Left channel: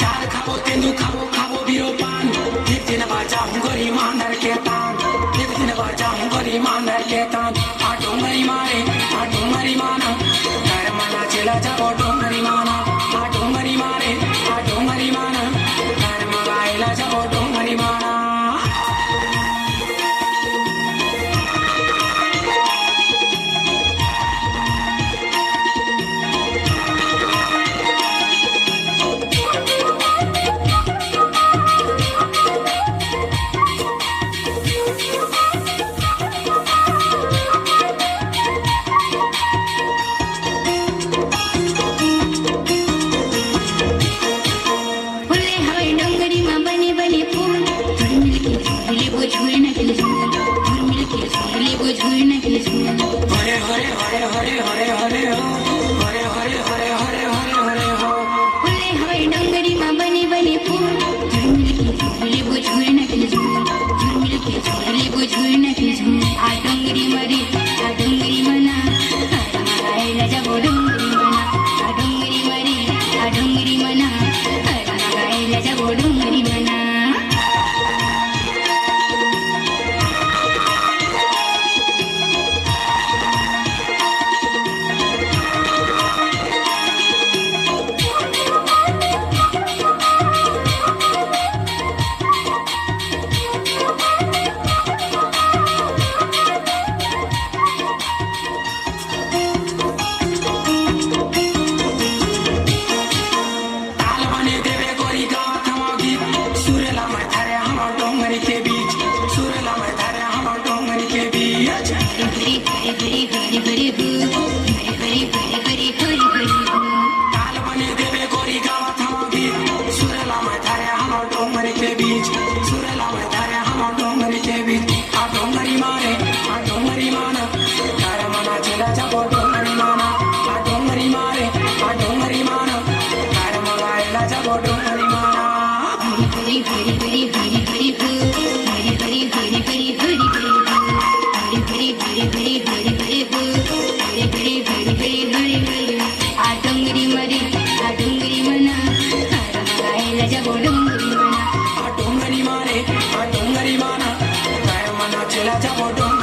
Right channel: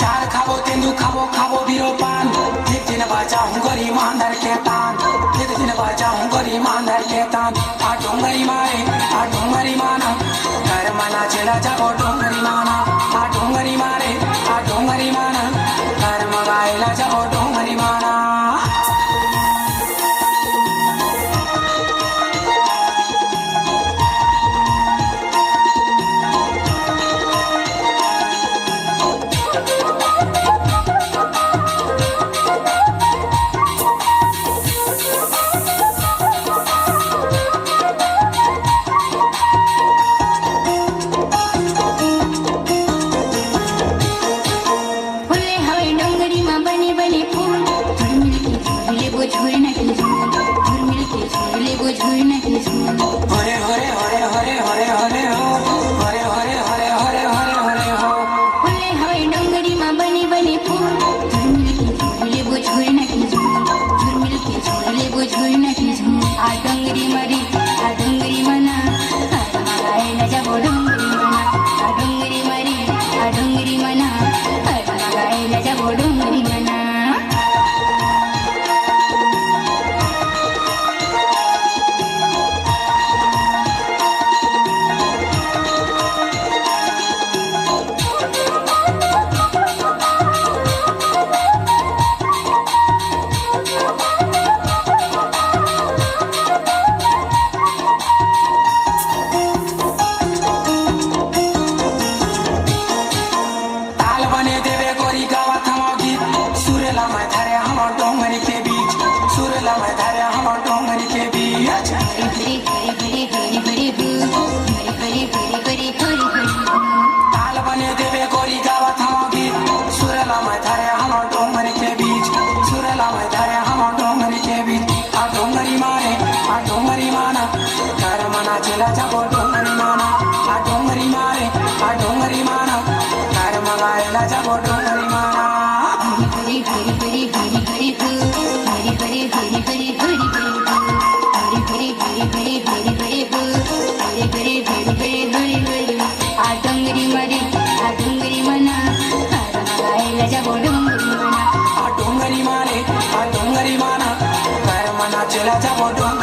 चार खावो तेंदू खावो खावो बीरो पान एक दिन बाजा हूँ गरी मांदर के तान एक दिन बाजा हूँ गरी मांदर के तान आ डोंगरी मारे आ डोंगरी माना घर मना चला जाओ डोंगरी माना आ डोंगरी मारे आ डोंगरी माना घर मगाएला जाओ डोंगरी माना हरे हरे हरे हरे हरे हरे हो हरे हरे हरे हरे हरे हरे हो फुले हरे डोंगरी में बने बने फूल झुरमिल के झूले वो झूरने के झूल झुरमिल के झूले वो झूरने के झूल आ डोंगरी मरी आ डोंगरी मना लगाएला जाबो डोंगरी मना आ डोंगरी मरी आ डोंगरी मना लगाएला जाबो डोंगरी मना डोंगरी मारे आ डोंगरी माना कर मना चला जाबो डोंगरी